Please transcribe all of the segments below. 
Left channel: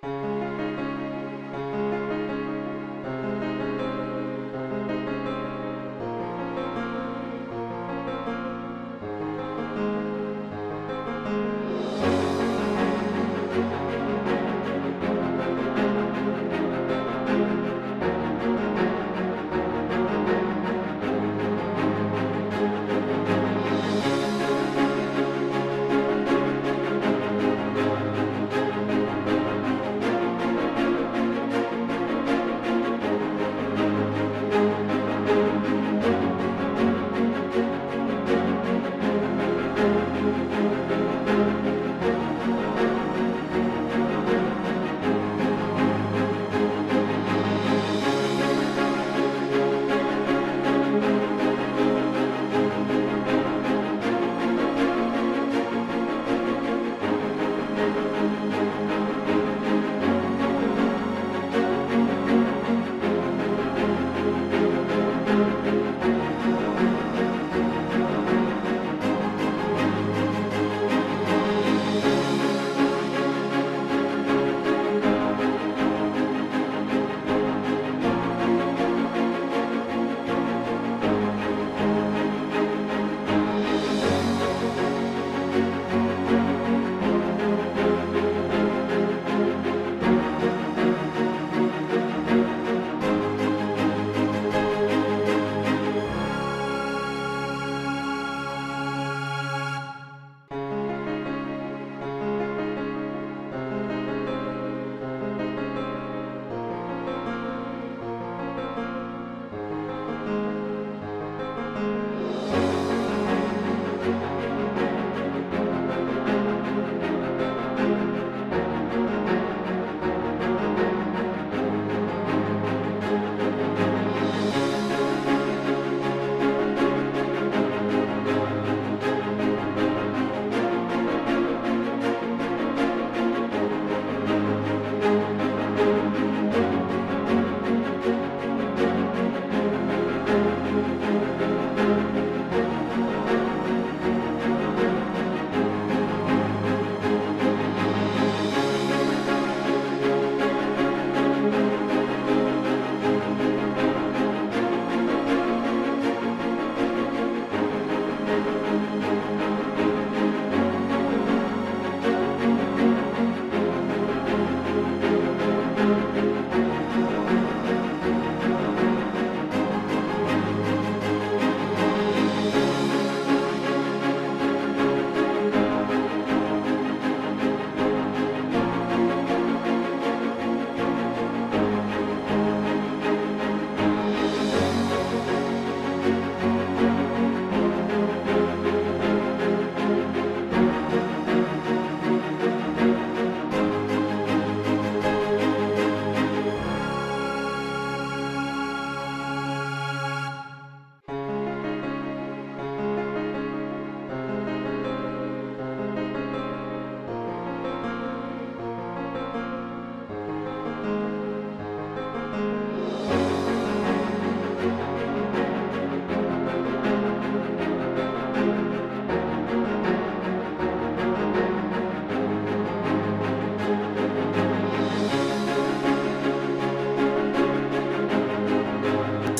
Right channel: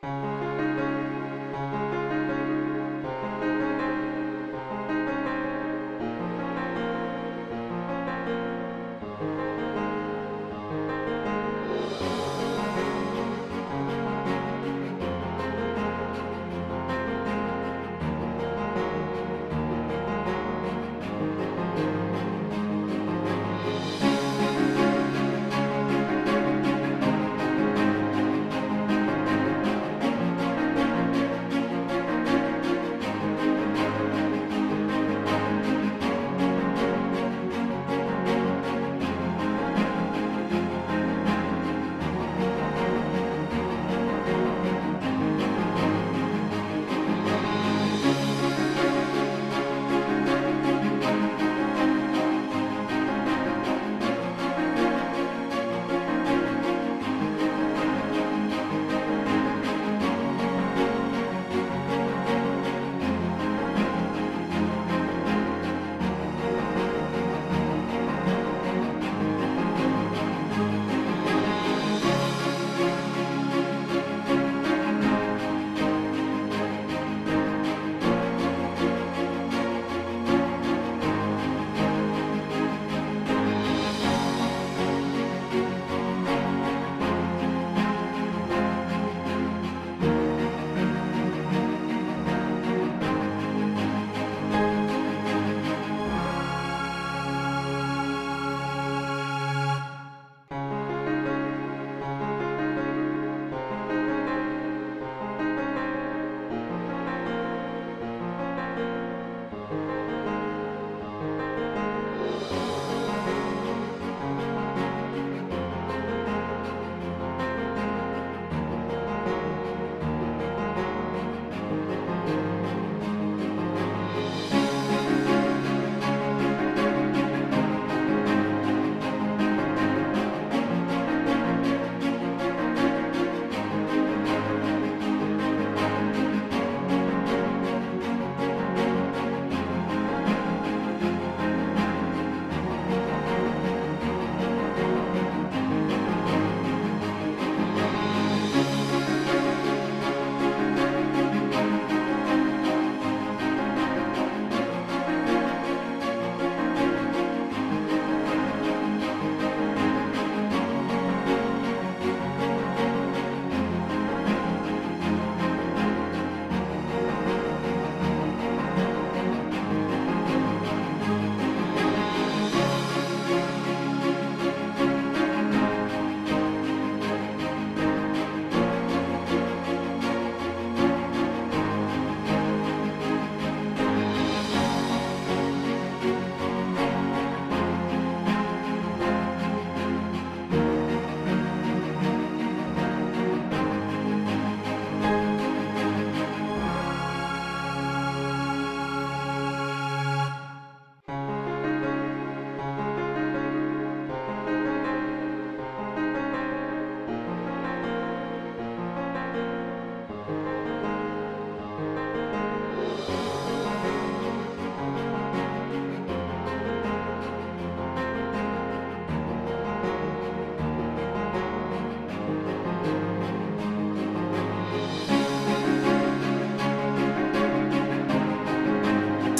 So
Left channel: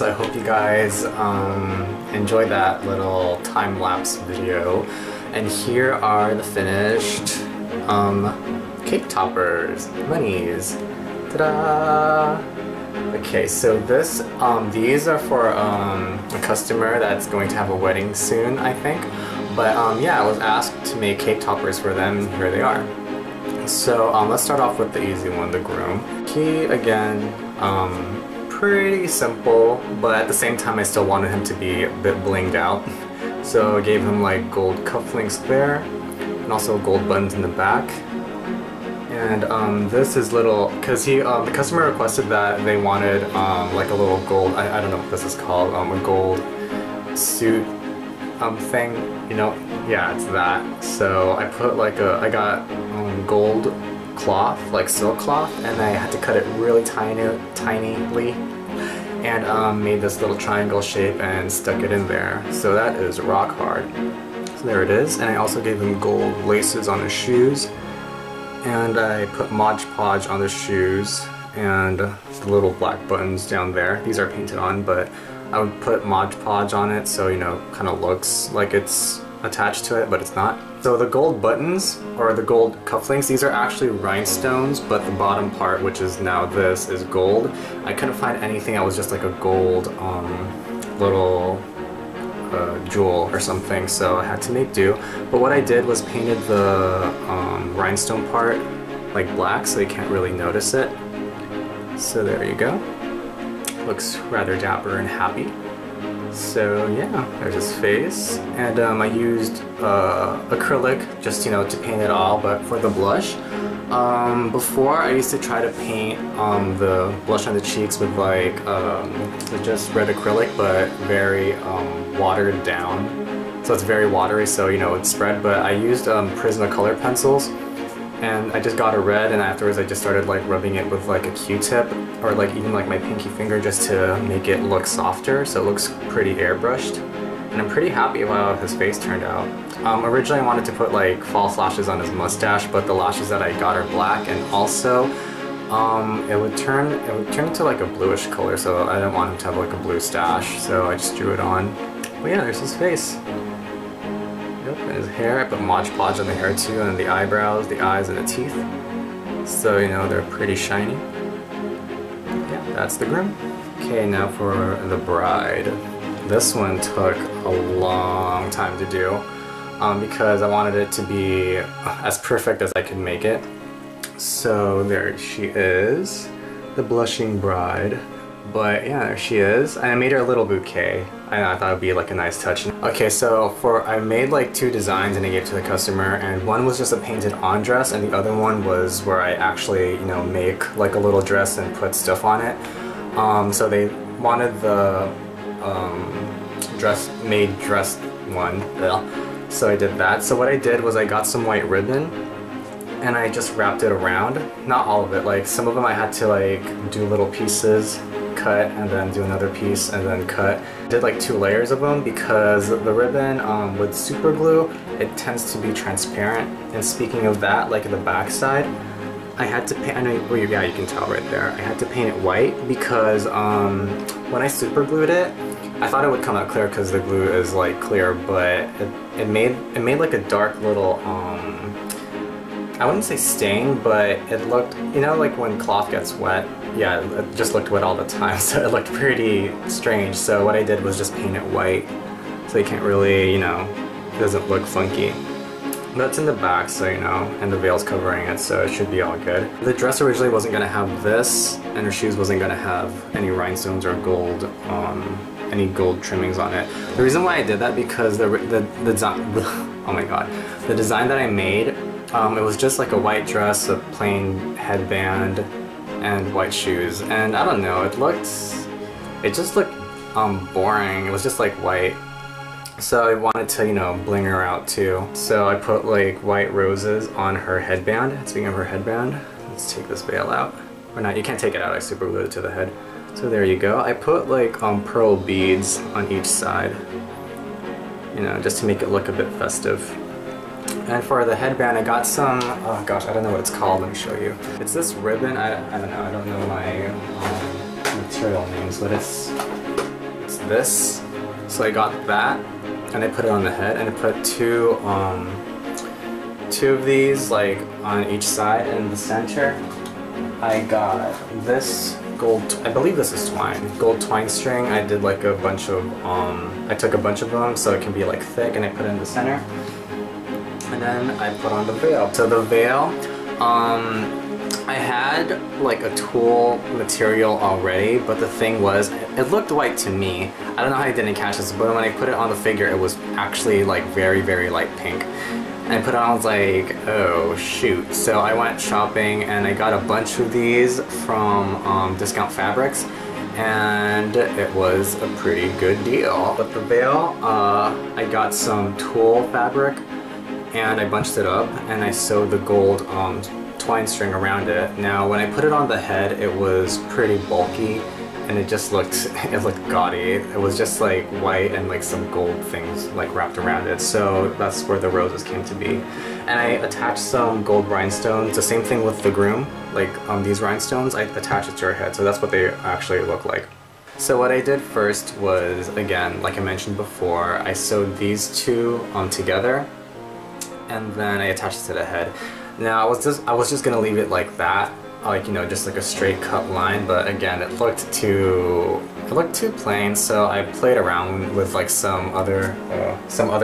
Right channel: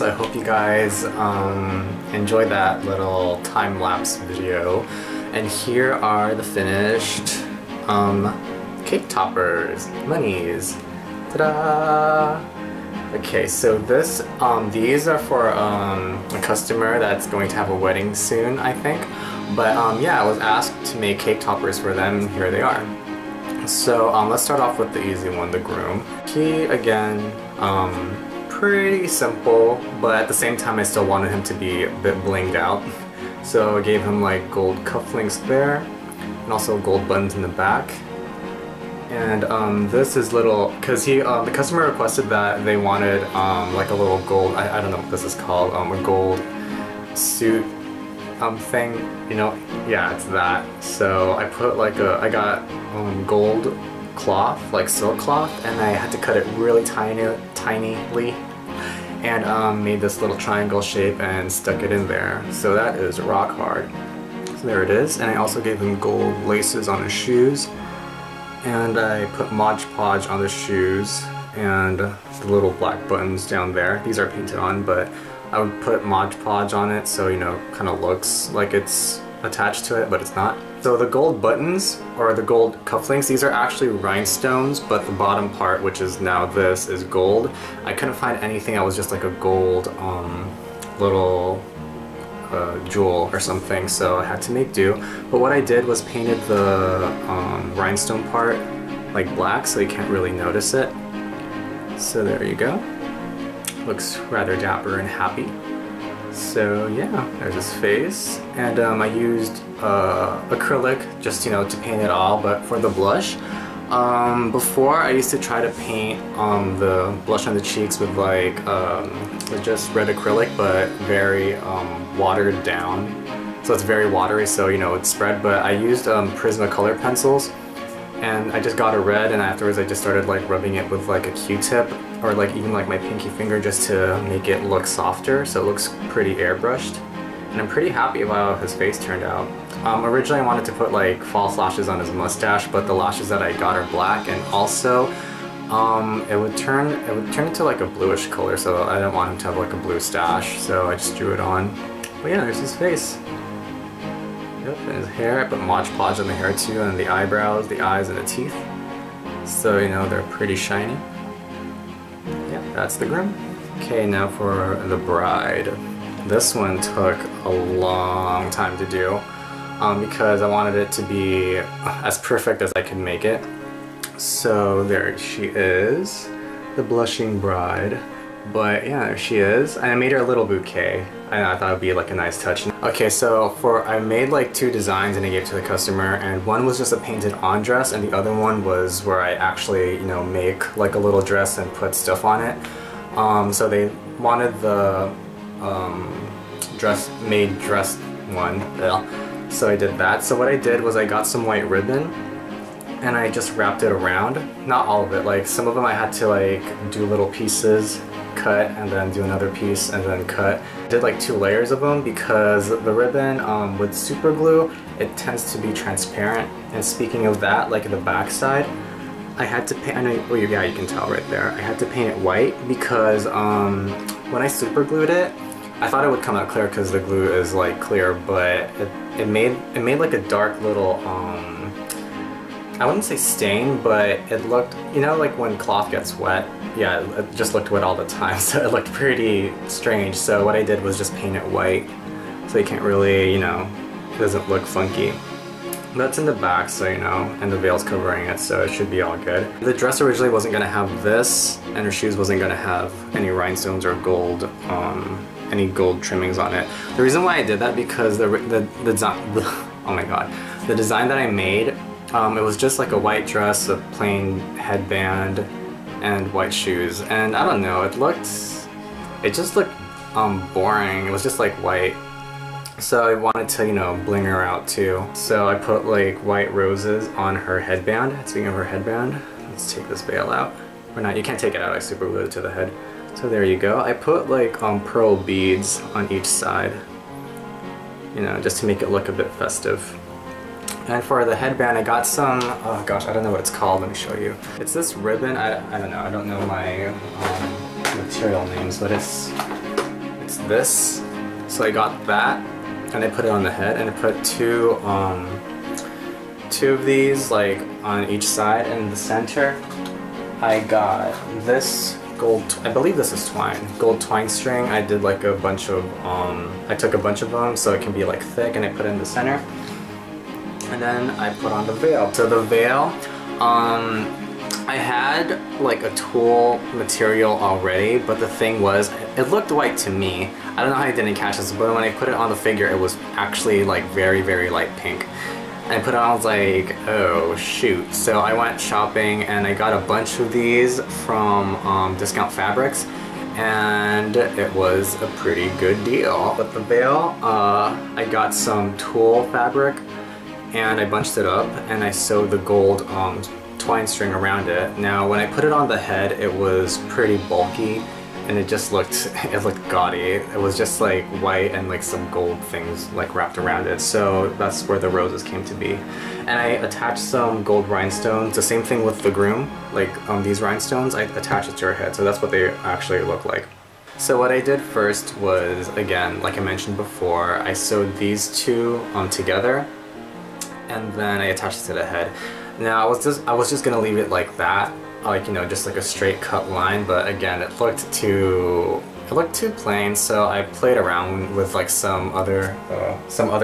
I hope you guys enjoyed that little time-lapse video. And here are the finished cake toppers, Munnies. Ta-da! Okay, so these are for a customer that's going to have a wedding soon, I think. But yeah, I was asked to make cake toppers for them, and here they are. So let's start off with the easy one, the groom. He, again, pretty simple, but at the same time I still wanted him to be a bit blinged out. So I gave him like gold cufflinks there, and also gold buttons in the back. And this is little, because the customer requested that they wanted like a little gold, I don't know what this is called, a gold suit thing, you know, yeah, it's that. So I put like I got gold cloth, like silk cloth, and I had to cut it really tinily, and made this little triangle shape and stuck it in there. So that is rock hard. So there it is. And I also gave him gold laces on his shoes. And I put Mod Podge on the shoes and the little black buttons down there. These are painted on, but I would put Mod Podge on it so, you know, kind of looks like it's attached to it, but it's not. So the gold buttons, or the gold cufflinks, these are actually rhinestones, but the bottom part, which is now this, is gold. I couldn't find anything that was just like a gold little jewel or something, so I had to make do. But what I did was painted the rhinestone part like black so you can't really notice it. So there you go. Looks rather dapper and happy. So yeah, there's his face. And I used acrylic just, you know, to paint it all, but for the blush, before I used to try to paint the blush on the cheeks with like just red acrylic, but very watered down. So it's very watery, so, you know, it's spread. But I used Prismacolor pencils, and I just got a red, and afterwards I just started like rubbing it with like a Q-tip, or like even like my pinky finger, just to make it look softer, so it looks pretty airbrushed. And I'm pretty happy with how his face turned out. Originally I wanted to put like false lashes on his mustache, but the lashes that I got are black, and also it would turn into like a bluish color, so I didn't want him to have like a blue stash, so I just drew it on. But yeah, there's his face. Yep, and his hair, I put Mod Podge on the hair too, and the eyebrows, the eyes, and the teeth. So, you know, they're pretty shiny. Yeah, that's the groom. Okay, now for the bride. This one took a long time to do because I wanted it to be as perfect as I could make it. So there she is, the blushing bride. But yeah, there she is. And I made her a little bouquet. I thought it would be like a nice touch. Okay, so I made like 2 designs and I gave to the customer, and one was just a painted on dress, and the other one was where I actually, you know, make like a little dress and put stuff on it. So they wanted the dress one. So I did that. So what I did was I got some white ribbon and I just wrapped it around. Not all of it, like some of them I had to like do little pieces, cut, and then do another piece and then cut. I did like 2 layers of them because the ribbon with super glue, it tends to be transparent. And speaking of that, like the back side, I had to paint, I know, well, yeah, you can tell right there. I had to paint it white because when I super glued it, I thought it would come out clear because the glue is like clear, but it made like a dark little I wouldn't say stain, but it looked, you know, like when cloth gets wet. Yeah, it just looked wet all the time, so it looked pretty strange. So what I did was just paint it white, so you can't really, you know, it doesn't look funky. That's in the back, so you know, and the veil's covering it, so it should be all good. The dress originally wasn't gonna have this, and her shoes wasn't gonna have any rhinestones or gold, any gold trimmings on it. The reason why I did that because the design, oh my god, the design that I made, it was just like a white dress, a plain headband, and white shoes, and I don't know, it just looked boring. It was just like white. So I wanted to, you know, bling her out too. So I put like white roses on her headband. Speaking of her headband, let's take this veil out. Or not, you can't take it out, I super glued it to the head. So there you go. I put like pearl beads on each side, you know, just to make it look a bit festive. And for the headband, I got some, oh gosh, I don't know what it's called, let me show you. It's this ribbon, I don't know, I don't know my material names, but it's this. So I got that, and I put it on the head, and I put two of these like on each side, and in the center I got this gold, I believe this is twine, gold twine string. I did like a bunch of, I took a bunch of them so it can be like thick, and I put it in the center. And then I put on the veil. So the veil, I had like a tulle material already, but the thing was, it looked white to me. I don't know how I didn't catch this, but when I put it on the figure, it was actually like very, very light pink. And I put it on, I was like, oh shoot. So I went shopping and I got a bunch of these from Discount Fabrics, and it was a pretty good deal. But the veil, I got some tulle fabric, and I bunched it up and I sewed the gold twine string around it. Now when I put it on the head, it was pretty bulky, and it just looked gaudy. It was just like white and like some gold things like wrapped around it. So that's where the roses came to be. And I attached some gold rhinestones. The same thing with the groom, like these rhinestones, I attached it to her head. So that's what they actually look like. So what I did first was, again, like I mentioned before, I sewed these two together, and then I attached it to the head. Now I was just gonna leave it like that, like, you know, just like a straight cut line, but again, it looked too plain, so I played around with like some other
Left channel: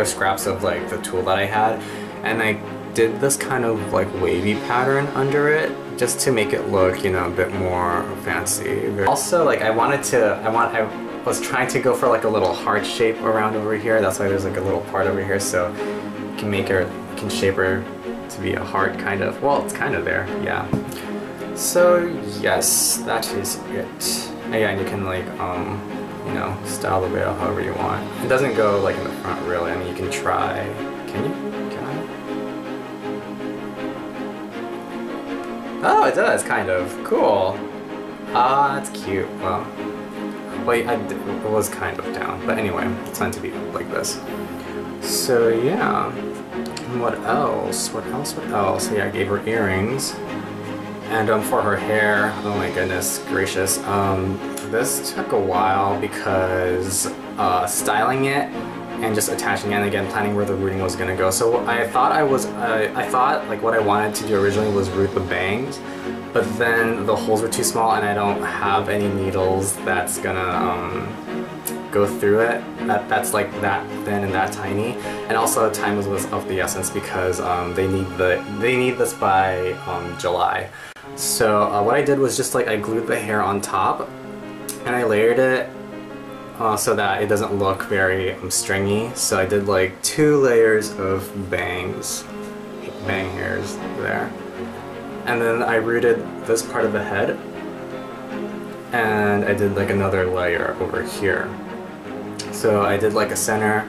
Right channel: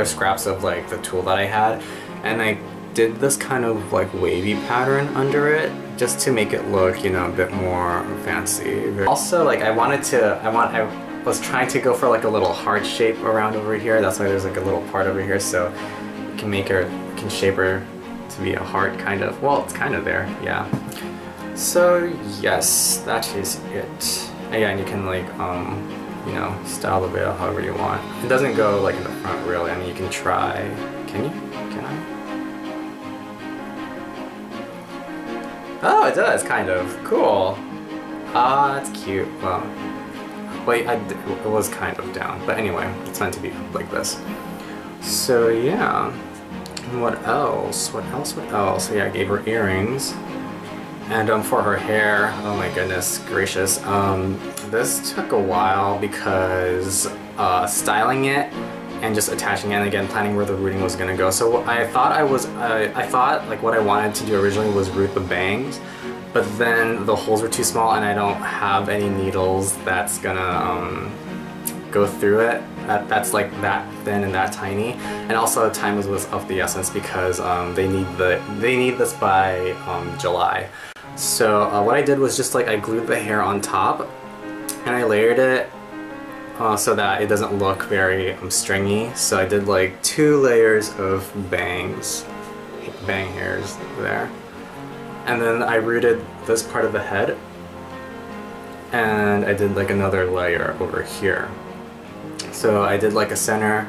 scraps of like the tulle that I had, and I did this kind of like wavy pattern under it just to make it look, you know, a bit more fancy. Also, like I was trying to go for like a little heart shape around over here. That's why there's like a little part over here, so you can shape her to be a heart, kind of. Well, it's kind of there, yeah. So yes, that is it. Again, you can like you know, style the veil however you want. It doesn't go like in the front really. I mean, you can try. Can you? Can I? Oh, it does, kind of. Cool. Ah, that's cute. Well, wait, it was kind of down, but anyway, it's meant to be like this. So yeah. What else? What else? What else? So yeah, I gave her earrings. And for her hair, oh my goodness gracious, this took a while because styling it and just attaching it, and again planning where the rooting was gonna go. So I thought like what I wanted to do originally was root the bangs, but then the holes were too small and I don't have any needles that's gonna go through it. That's like that thin and that tiny, and also time was of the essence because they need this by July. So what I did was just like I glued the hair on top and I layered it so that it doesn't look very stringy. So I did like 2 layers of bang hairs there, and then I rooted this part of the head, and I did like another layer over here. So I did like a center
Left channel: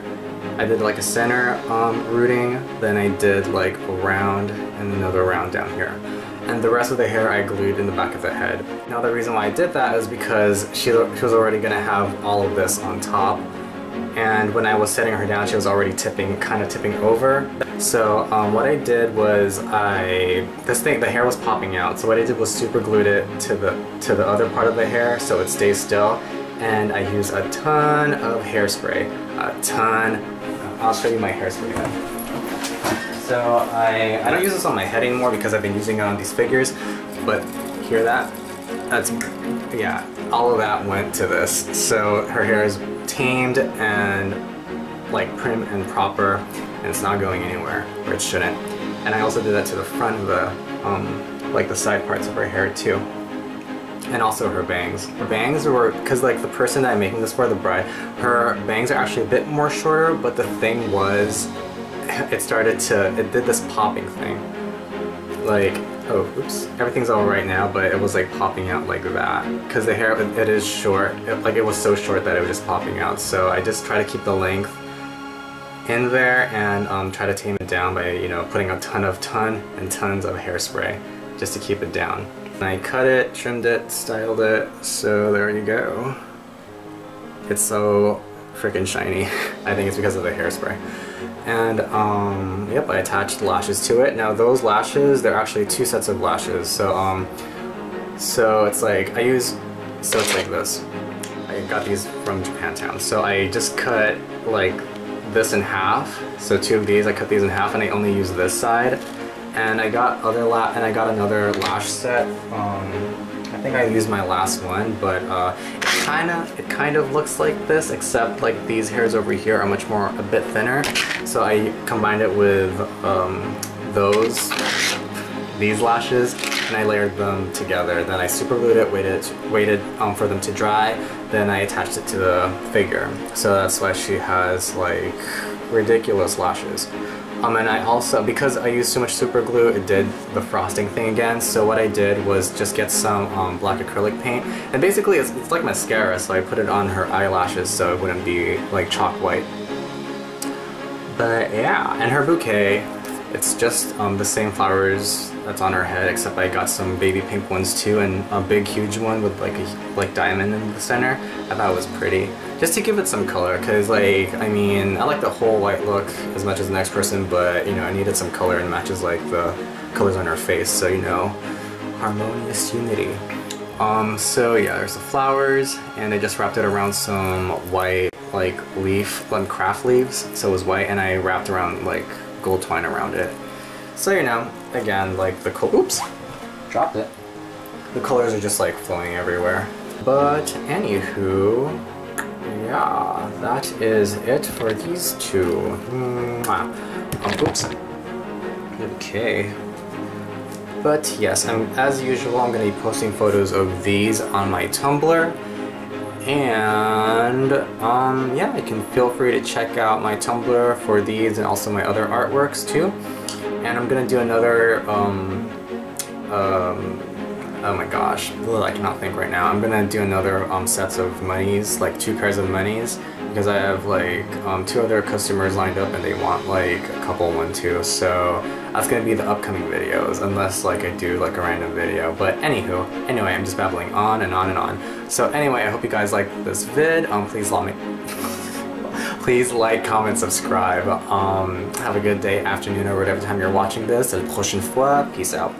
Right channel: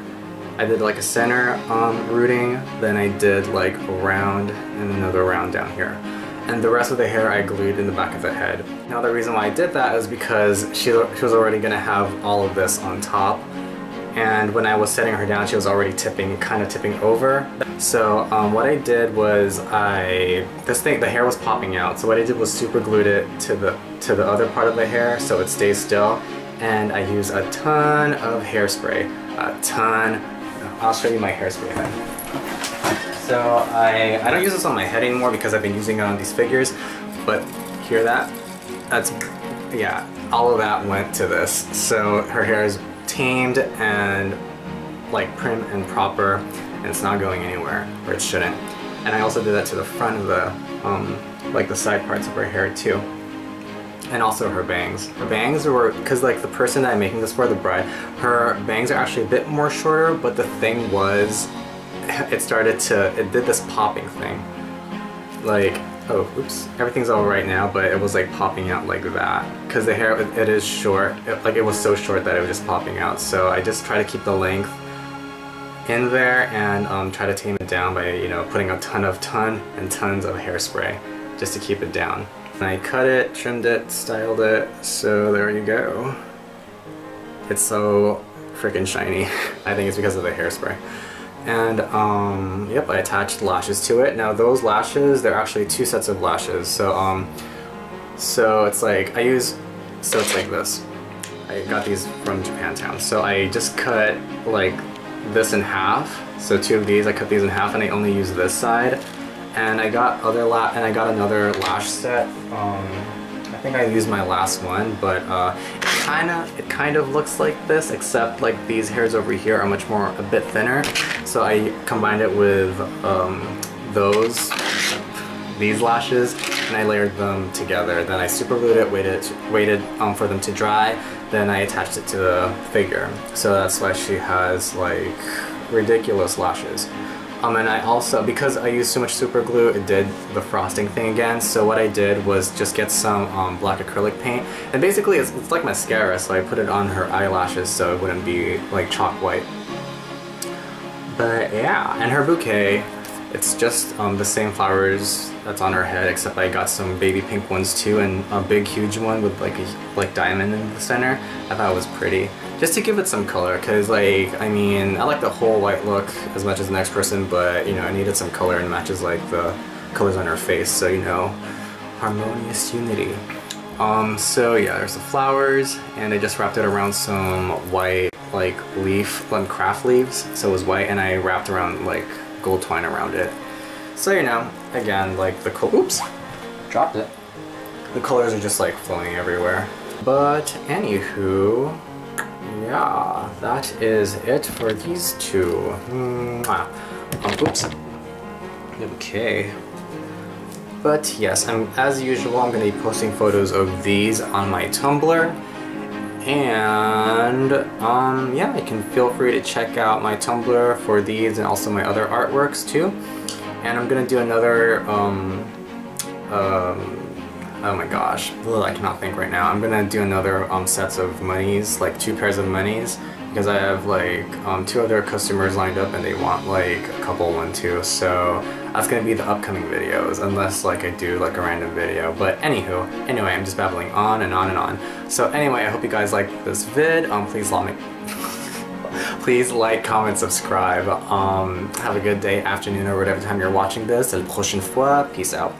rooting, then I did like a round and another round down here. And the rest of the hair I glued in the back of the head. Now the reason why I did that is because she was already gonna have all of this on top, and when I was setting her down she was already kind of tipping over. So what I did was the hair was popping out, so what I did was super glued it to the other part of the hair so it stays still, and I used a ton of hairspray. A ton. I'll show you my hairspray then. So I don't use this on my head anymore because I've been using it on these figures, but hear that? That's, yeah, all of that went to this. So her hair is tamed and like prim and proper, and it's not going anywhere where it shouldn't. And I also did that to the front of the, like the side parts of her hair too. And also her bangs. Her bangs were, because like the person that I'm making this for, the bride, her bangs are actually a bit more shorter, but the thing was, it did this popping thing. Like, oh, oops, everything's all right now, but it was like popping out like that. Because the hair, it is short, it was so short that it was just popping out. So I just try to keep the length in there and try to tame it down by, you know, putting a tons of hairspray just to keep it down. And I cut it, trimmed it, styled it, so there you go. It's so freaking shiny. I think it's because of the hairspray. And yep, I attached lashes to it. Now those lashes, they're actually 2 sets of lashes. So it's like it's like this. I got these from Japantown. So I just cut like this in half. So 2 of these, I cut these in half, and I only use this side. And I got another lash set. I think I used my last one, but it kind of looks like this, except like these hairs over here are a bit thinner. So I combined it with these lashes, and I layered them together. Then I super glued it, waited for them to dry. Then I attached it to the figure. So that's why she has like ridiculous lashes. And I also, because I used so much super glue, it did the frosting thing again. So what I did was just get some black acrylic paint, and basically it's like mascara, so I put it on her eyelashes so it wouldn't be like chalk white. But yeah, and her bouquet It's just the same flowers that's on her head, except I got some baby pink ones too, and a big huge one with like a diamond in the center. I thought it was pretty, just to give it some color, because like, I mean, I like the whole white look as much as the next person, but you know, I needed some color and matches like the colors on her face, so you know, harmonious unity. So yeah, there's the flowers, and I just wrapped it around some white like leaf, craft leaves, so it was white, and I wrapped around like gold twine around it. So you know, again, like the oops, dropped it. The colors are just like flowing everywhere. But anywho, yeah, that is it for these two. Oops. Okay. But yes, as usual, I'm going to be posting photos of these on my Tumblr. And yeah, you can feel free to check out my Tumblr for these and also my other artworks too. And I'm gonna do another oh my gosh, I cannot think right now. I'm gonna do another sets of Munnies, like 2 pairs of Munnies, because I have like 2 other customers lined up and they want like a couple one too. So that's gonna be the upcoming videos, unless like I do like a random video. But anywho, anyway, I'm just babbling on and on and on. So anyway, I hope you guys liked this vid. Please like, comment, subscribe. Have a good day, afternoon, or whatever time you're watching this. À la prochaine fois. Peace out.